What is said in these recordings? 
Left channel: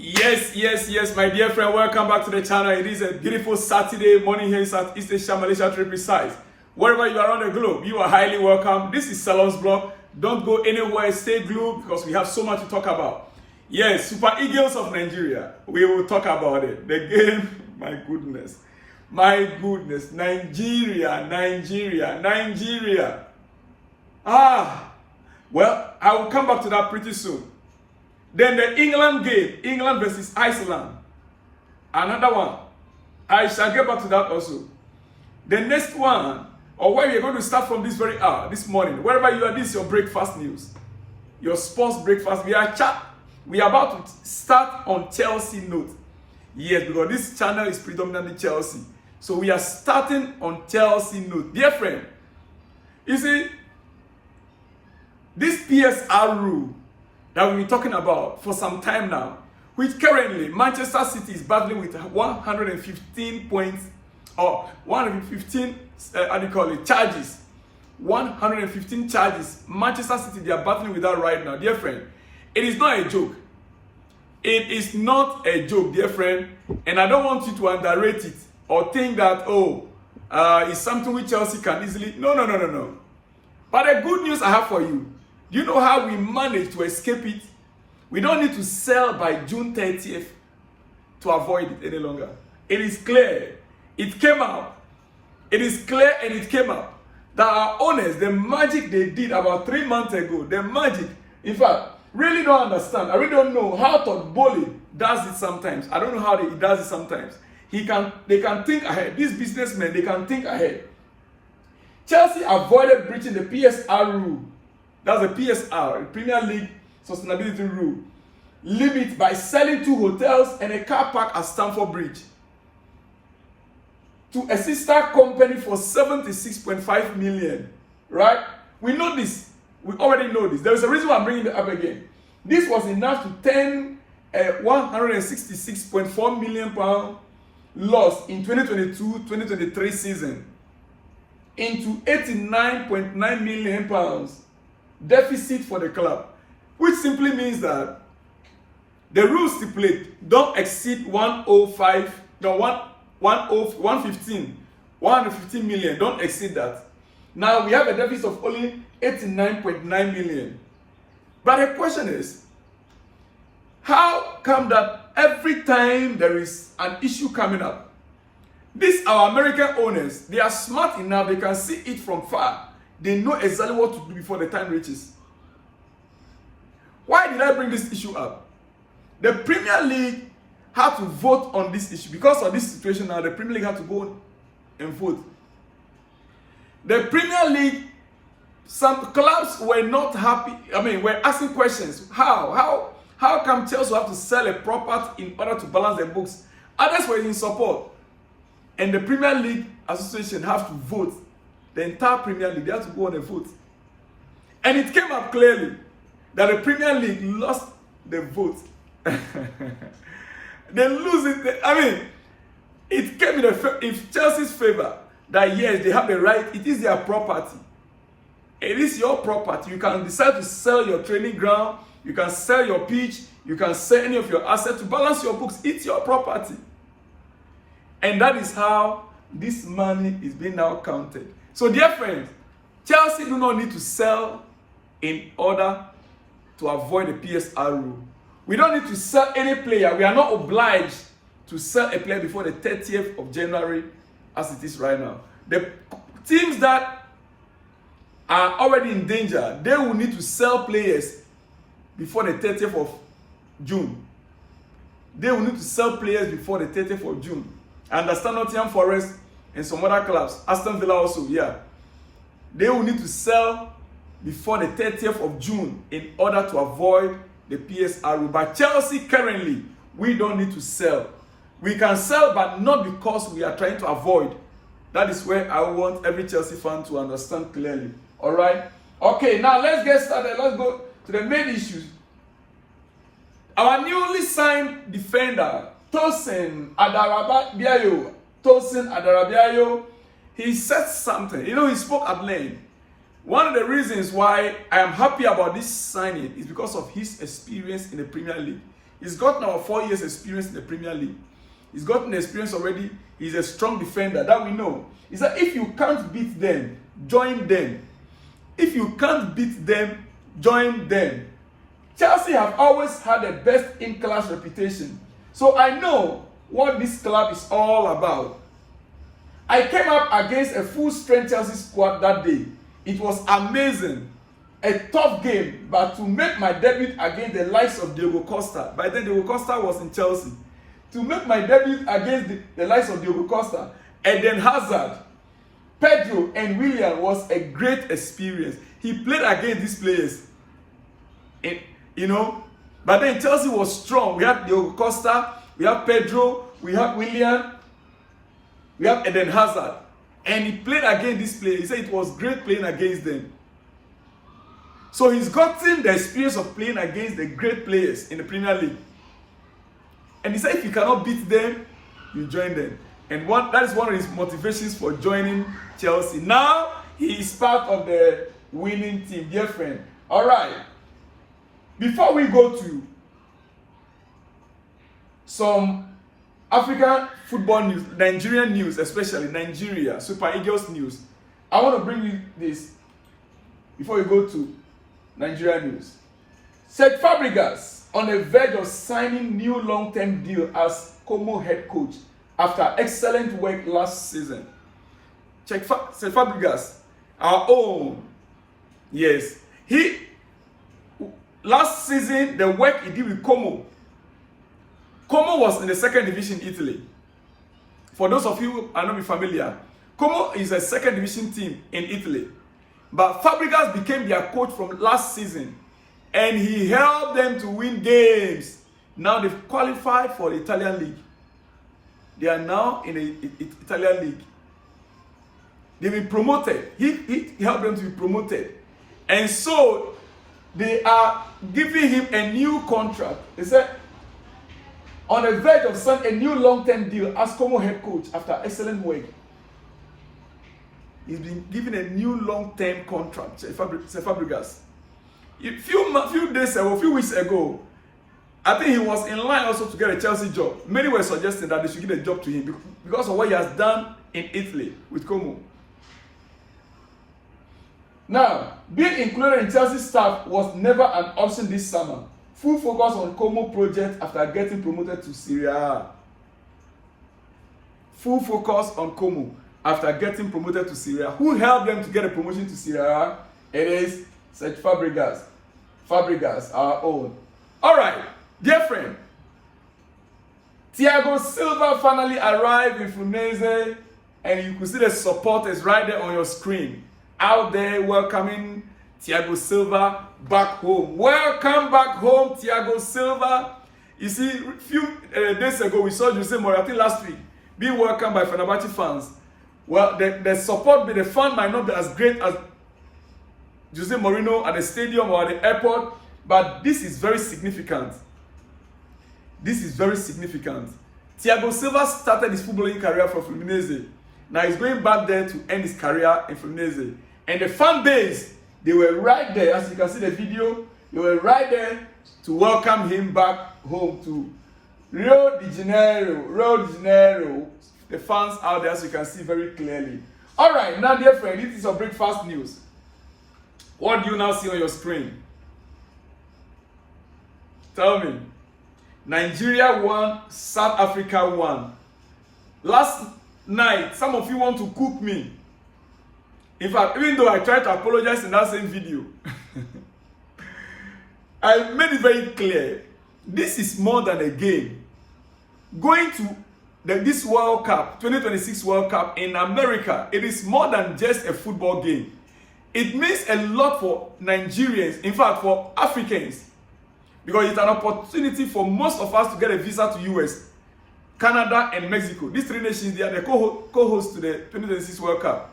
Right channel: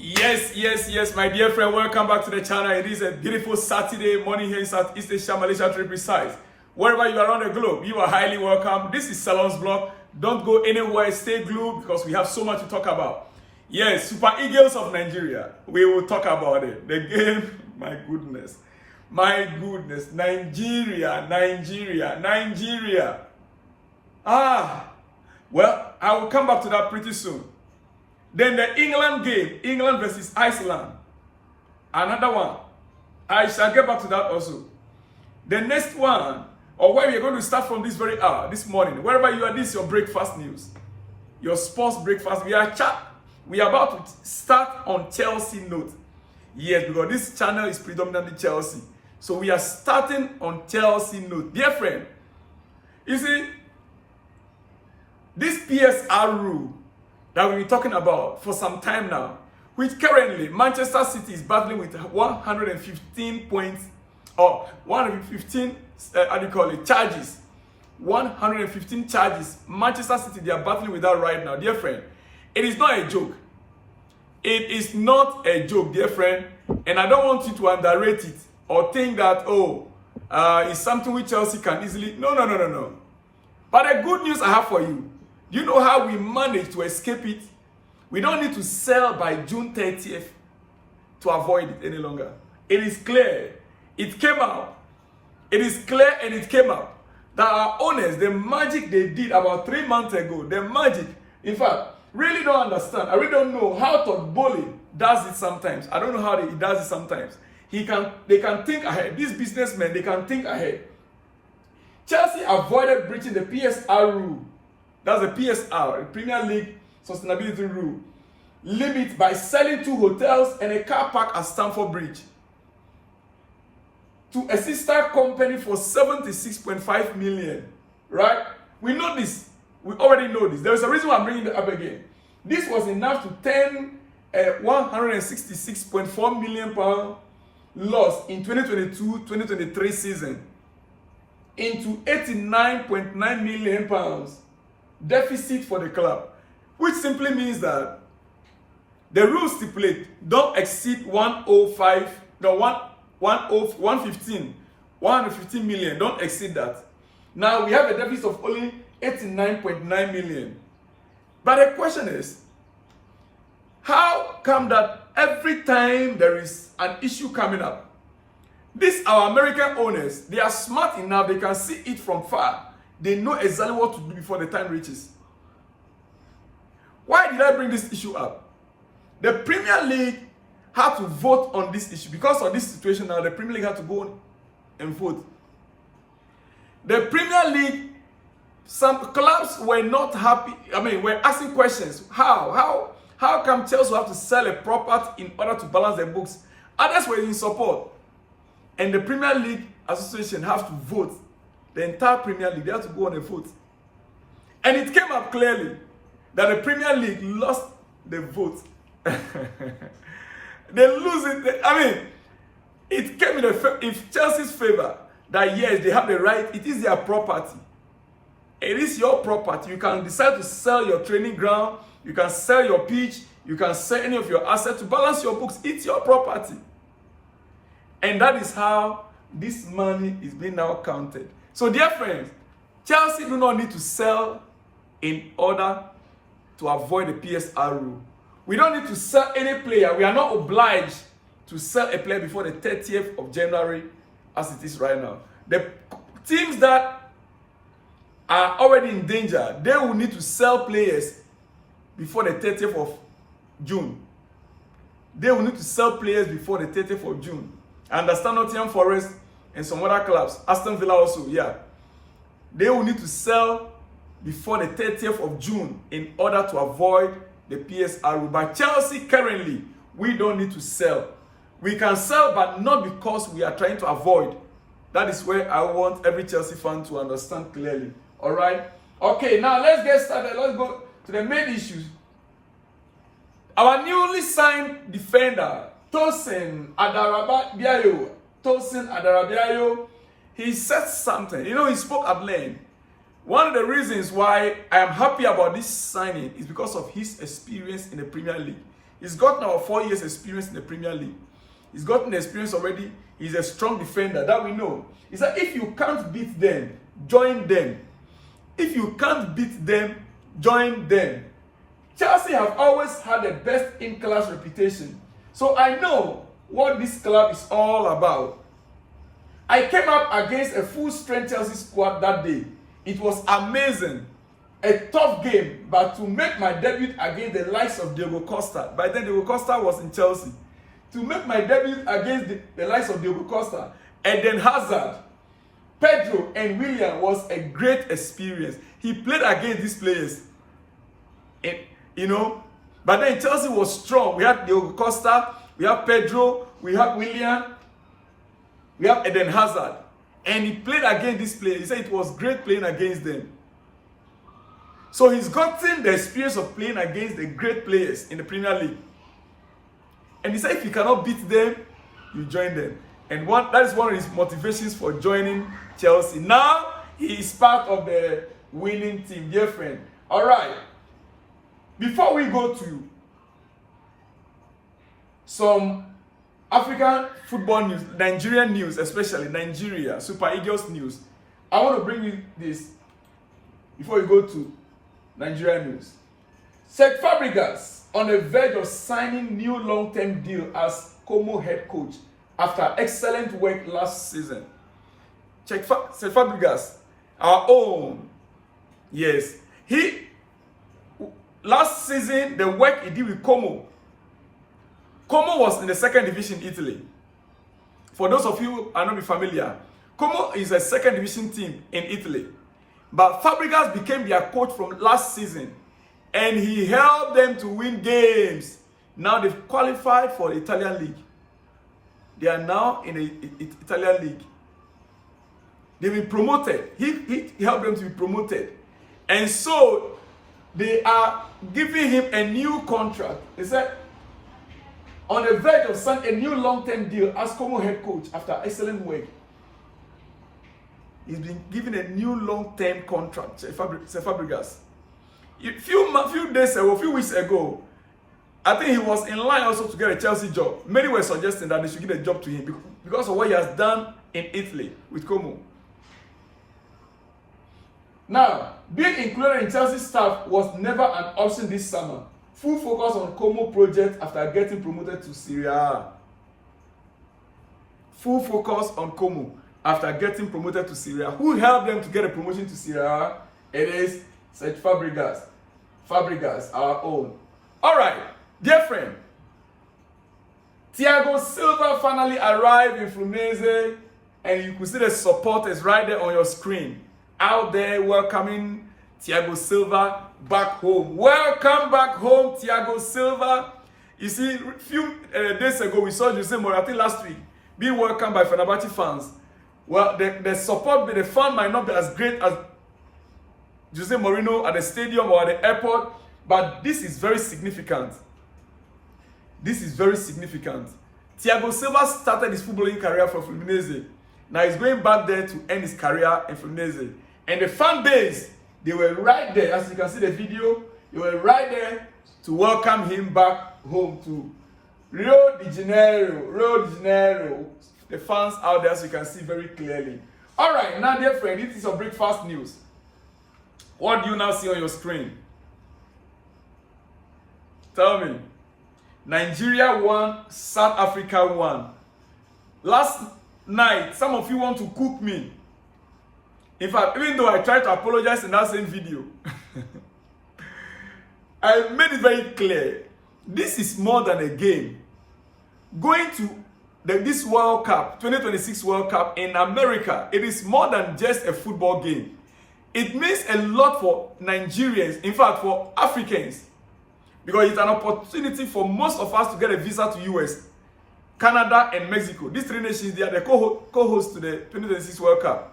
Yes, my dear friend, welcome back to the channel. It is a beautiful Saturday morning here in Southeast Asia, Malaysia to be precise. Wherever you are on the globe, you are highly welcome. This is Salon's Blog. Don't go anywhere, stay glued because we have so much to talk about. Yes, Super Eagles of Nigeria. We will talk about it. The game, my goodness, Nigeria. Well, I will come back to that pretty soon. Then the England game, England versus Iceland. Another one. I shall get back to that also. The next one, or where we are going to start from this very hour, this morning. Wherever you are, this is your breakfast news. Your sports breakfast. We are about to start on Chelsea note. Yes, because this channel is predominantly Chelsea. So we are starting on Chelsea note. Dear friend, you see, this PSR rule that we've been talking about for some time now, which currently Manchester City is battling with 115 points, or 115, charges. 115 charges. Manchester City, they are battling with that right now. Dear friend, it is not a joke. It is not a joke, dear friend. And I don't want you to underrate it or think that, it's something which Chelsea can easily. No. But the good news I have for you, you know how we managed to escape it? We don't need to sell by June 30th to avoid it any longer. It is clear. It came out. It is clear and it came out that our owners, the magic they did about 3 months ago, the magic, in fact, really don't understand. I really don't know how Todd Bowley does it sometimes. I don't know how he does it sometimes. They can think ahead. These businessmen, they can think ahead. Chelsea avoided breaching the PSR rule. That's the PSR, the Premier League Sustainability Rule, limit by selling 2 hotels and a car park at Stamford Bridge to a sister company for 76.5 million. Right? We know this. We already know this. There is a reason why I'm bringing it up again. This was enough to turn a 166.4 million pound loss in 2022-2023 season into 89.9 million pounds deficit for the club, which simply means that the rules stipulate don't exceed 115 million, don't exceed that. Now we have a deficit of only 89.9 million. But the question is, how come that every time there is an issue coming up, these our American owners, they are smart enough, they can see it from far. They know exactly what to do before the time reaches. Why did I bring this issue up? The Premier League had to vote on this issue. Because of this situation now, the Premier League had to go and vote. The Premier League, some clubs were not happy. Were asking questions. How come Chelsea have to sell a property in order to balance their books? Others were in support. And the Premier League Association have to vote. The entire Premier League, they have to go on a vote. And it came up clearly that the Premier League lost the vote. They lose it. It came in Chelsea's favor that yes, they have the right. It is their property. It is your property. You can decide to sell your training ground. You can sell your pitch. You can sell any of your assets to balance your books. It's your property. And that is how this money is being now counted. So dear friends, Chelsea do not need to sell in order to avoid the PSR rule. We don't need to sell any player. We are not obliged to sell a player before the 30th of January as it is right now. The teams that are already in danger, they will need to sell players before the 30th of June. They will need to sell players before the 30th of June. I understand Nottingham Forest and some other clubs, Aston Villa also, they will need to sell before the 30th of June in order to avoid the PSR rule. But Chelsea currently, we don't need to sell. We can sell, but not because we are trying to avoid. That is where I want every Chelsea fan to understand clearly. All right? Okay, now let's get started. Let's go to the main issues. Our newly signed defender, Tosin Adarabiayo, he said something. He spoke at length. One of the reasons why I am happy about this signing is because of his experience in the Premier League. He's got now 4 years experience in the Premier League. He's gotten experience already. He's a strong defender, that we know. He said, if you can't beat them, join them. If you can't beat them, join them. Chelsea have always had the best in-class reputation. So I know what this club is all about. I came up against a full-strength Chelsea squad that day. It was amazing. A tough game, but to make my debut against the likes of Thiago Costa. By then, Thiago Costa was in Chelsea. To make my debut against the likes of Thiago Costa, Eden Hazard, Pedro, and Willian was a great experience. He played against these players. But then Chelsea was strong. We had Thiago Costa, we have Pedro, we have Willian, we have Eden Hazard. And he played against these players. He said it was great playing against them. So he's gotten the experience of playing against the great players in the Premier League. And he said if you cannot beat them, you join them. And that is one of his motivations for joining Chelsea. Now, he is part of the winning team, dear friend. All right. Before we go to some African football news, Nigerian news, especially Nigeria, Super Eagles news, I want to bring you this before we go to Nigeria news. Cesc Fàbregas on the verge of signing new long-term deal as Como head coach after excellent work last season. Cesc Fàbregas, our own. Yes. Last season, the work he did with Como was in the second division Italy. For those of you who are not familiar, Como is a second division team in Italy. But Fàbregas became their coach from last season. And he helped them to win games. Now they've qualified for the Italian league. They are now in the Italian league. They've been promoted. He helped them to be promoted. And so they are giving him a new contract. They said, on the verge of signing a new long-term deal as Como head coach after excellent work. He's been given a new long-term contract, Cesc Fàbregas. A few weeks ago, I think he was in line also to get a Chelsea job. Many were suggesting that they should give a job to him because of what he has done in Italy with Como. Now, being included in Chelsea staff was never an option this summer. Full focus on Como project after getting promoted to Serie A. Full focus on Como after getting promoted to Serie A. Who helped them to get a promotion to Serie A? It is Cesc Fàbregas. Fàbregas, our own. All right, dear friend. Thiago Silva finally arrived in Fluminense, and you could see the supporters right there on your screen. Out there welcoming Thiago Silva back home. Welcome back home, Thiago Silva. You see, a few days ago, we saw Jose Mourinho, I think last week, being welcomed by Fenerbahce fans. Well, the support, the fan might not be as great as Jose Mourinho at the stadium or at the airport, but this is very significant. This is very significant. Thiago Silva started his footballing career for Fluminense. Now he's going back there to end his career in Fluminense. And the fan base, they were right there. As you can see the video, they were right there to welcome him back home to Rio de Janeiro. The fans out there, as you can see very clearly. All right, now dear friend, this is your breakfast news. What do you now see on your screen? Tell me. Nigeria won, South Africa won. Last night, some of you want to cook me. In fact, even though I tried to apologize in that same video, I made it very clear. This is more than a game. Going to this World Cup, 2026 World Cup in America, it is more than just a football game. It means a lot for Nigerians, in fact, for Africans, because it's an opportunity for most of us to get a visa to US, Canada, and Mexico. These three nations, they are the co-hosts to the 2026 World Cup.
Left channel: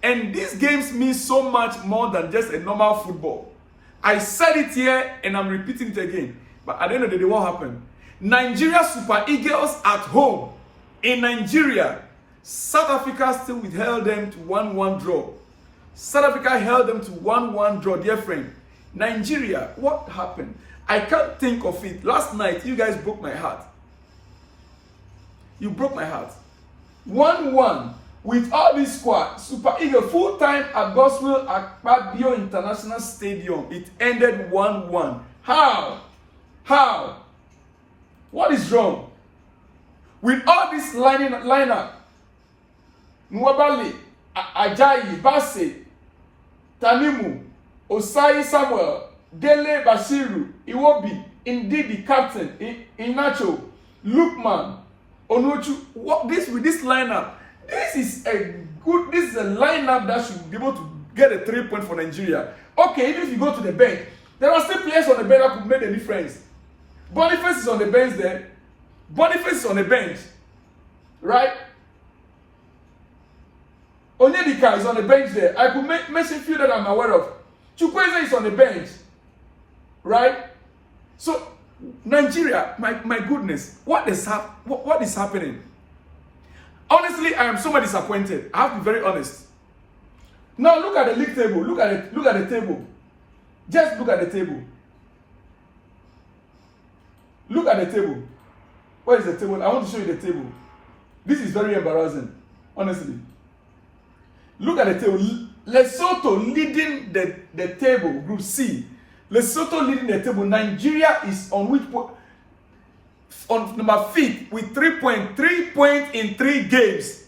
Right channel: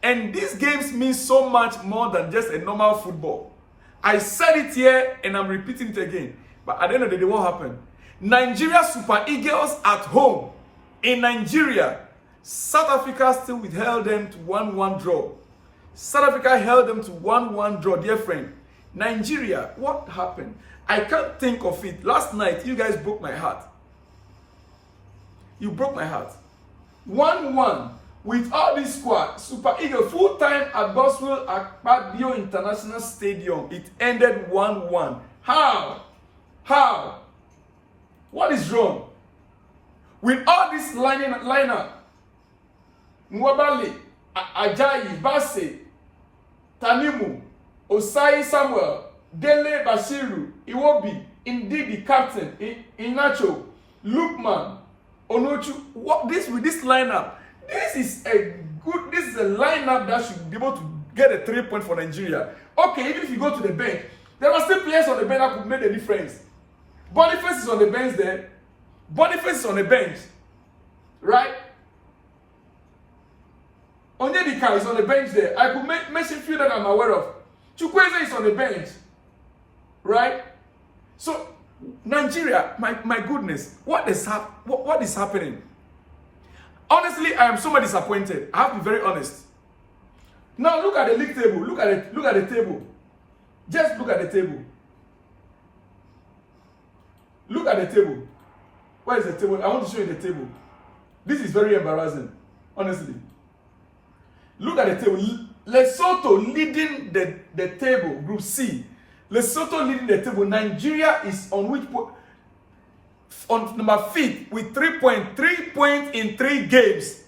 And these games mean so much more than just a normal football. I said it here and I'm repeating it again. But at the end of the day, what happened? Nigeria Super Eagles at home in Nigeria. South Africa still withheld them to 1-1 draw. South Africa held them to 1-1 draw, dear friend. Nigeria, what happened? I can't think of it. Last night, you guys broke my heart. You broke my heart. 1-1 with all this squad. Super Eagles full-time at Goswell Akpabio International Stadium. It ended 1-1. How? How? What is wrong? With all this lineup, Nwabali, Ajayi, Bassey, Tanimu, Osai Samuel, Dele Bashiru, Iwobi, indeed the captain, Inacho, Lukman, Onochu. With this lineup, this is a lineup that should be able to get a 3 point for Nigeria. Okay, even if you go to the bench, there are still players on the bench that could make a difference. Boniface is on the bench there. Boniface is on the bench, right? Onyedika is on the bench there. I could mention a few that I'm aware of. Chukwueze is on the bench, right? So Nigeria, my goodness, what is happening? Honestly, I am so much disappointed. I have to be very honest. Now look at the league table. Look at the table. Just look at the table. Look at the table. Where is the table? I want to show you the table. This is very embarrassing, honestly. Look at the table. Lesotho leading the table, Group C. Lesotho leading the table. Nigeria is on which point? On number 5th with 3 points. 3 points in 3 games.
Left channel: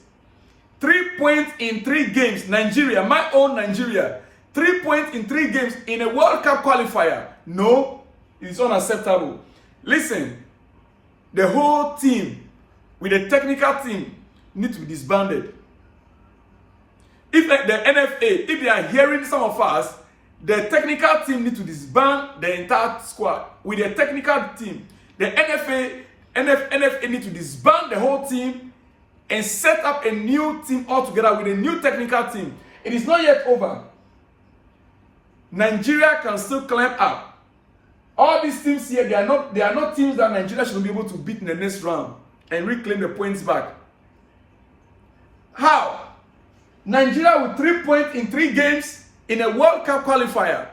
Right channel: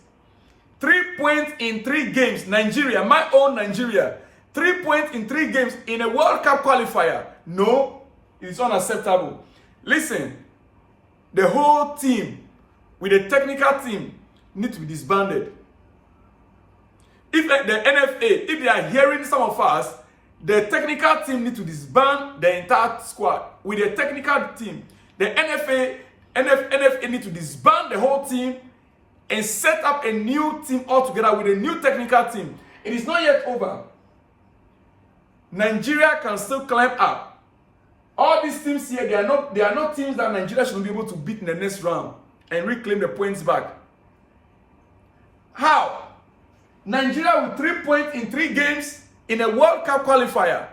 3 points in 3 games. Nigeria, my own Nigeria. 3 points in 3 games in a World Cup qualifier. No, it's unacceptable. Listen, the whole team with the technical team need to be disbanded. If like the NFA, if they are hearing some of us, the technical team need to disband the entire squad. With the technical team, the NFA need to disband the whole team and set up a new team altogether with a new technical team. It is not yet over. Nigeria can still climb up. All these teams here, they are not teams that Nigeria should be able to beat in the next round and reclaim the points back. How? Nigeria with 3 points in 3 games in a World Cup qualifier.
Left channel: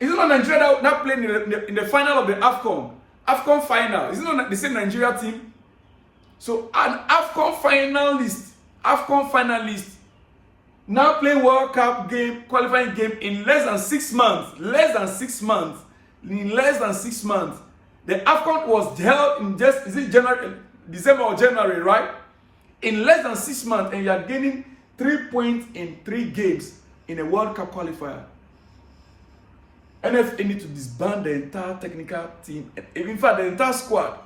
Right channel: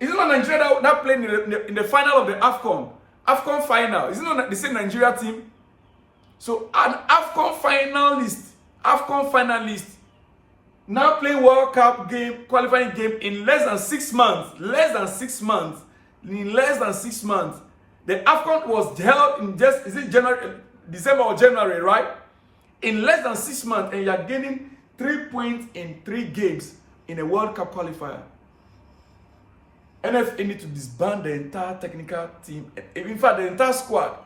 Is it not Nigeria that played in the final of the AFCON final? Is it not the same Nigeria team? So an AFCON finalist, now playing World Cup qualifying game in less than 6 months. In less than 6 months. The AFCON was held in December or January, right? In less than 6 months, and you are gaining 3 points in 3 games in a World Cup qualifier. NFA need to disband the entire technical team, in fact, the entire squad,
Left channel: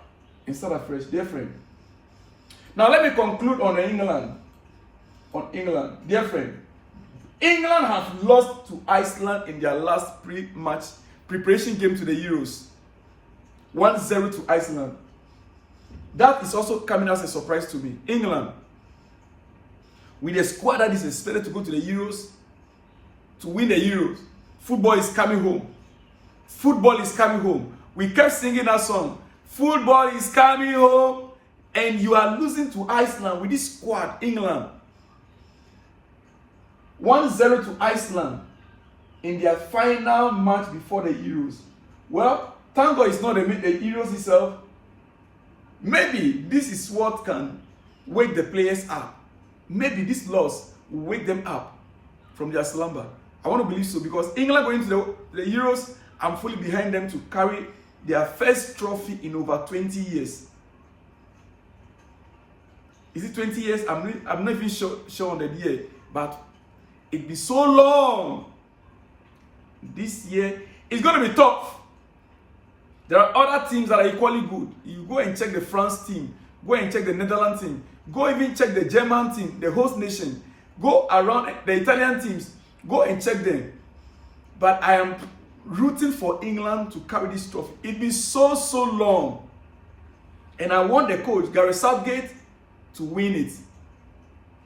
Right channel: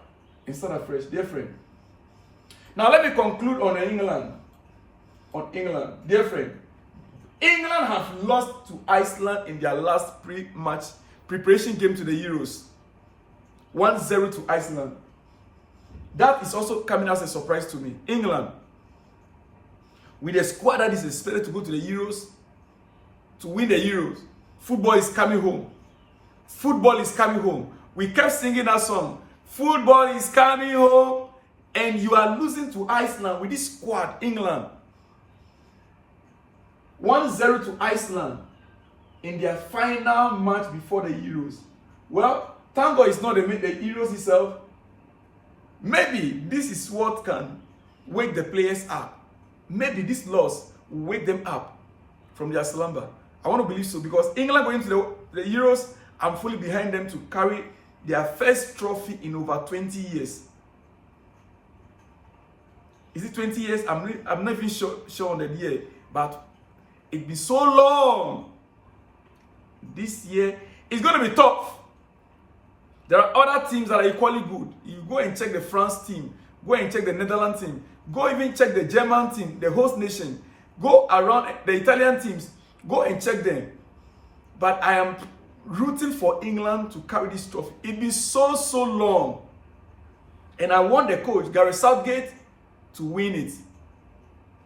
and start afresh. Dear friend. Now let me conclude on England. Dear friend, England have lost to Iceland in their last pre-match preparation game to the Euros. 1-0 to Iceland. That is also coming as a surprise to me. England, with a squad that is expected to go to the Euros, to win the Euros, football is coming home. Football is coming home. We kept singing that song. Football is coming home. And you are losing to Iceland with this squad, England. 1-0 to Iceland in their final match before the Euros. Well, thank God it's not the Euros itself. Maybe this is what can wake the players up. Maybe this loss will wake them up from their slumber. I want to believe so, because England going to the Euros, I'm fully behind them to carry their first trophy in over 20 years. Is it 20 years? I'm not even sure on the year, but it'll be so long. This year, it's going to be tough. There are other teams that are equally good. You go and check the France team. Go and check the Netherlands team. Go even check the German team, the host nation. Go around the Italian teams. Go and check them. But I am rooting for England to carry this trophy. It's been so long. And I want the coach, Gareth Southgate, to win it.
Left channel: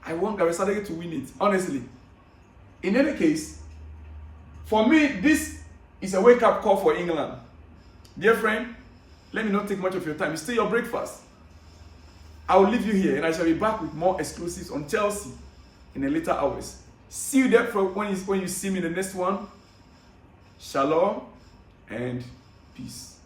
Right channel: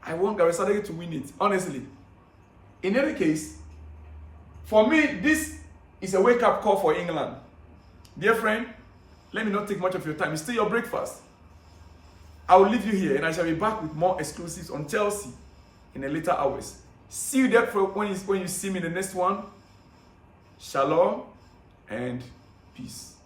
I want Gareth Southgate to win it, honestly. In any case, for me, this is a wake-up call for England. Dear friend, let me not take much of your time. It's still your breakfast. I will leave you here, and I shall be back with more exclusives on Chelsea in the later hours. See you there for when you see me in the next one. Shalom and peace.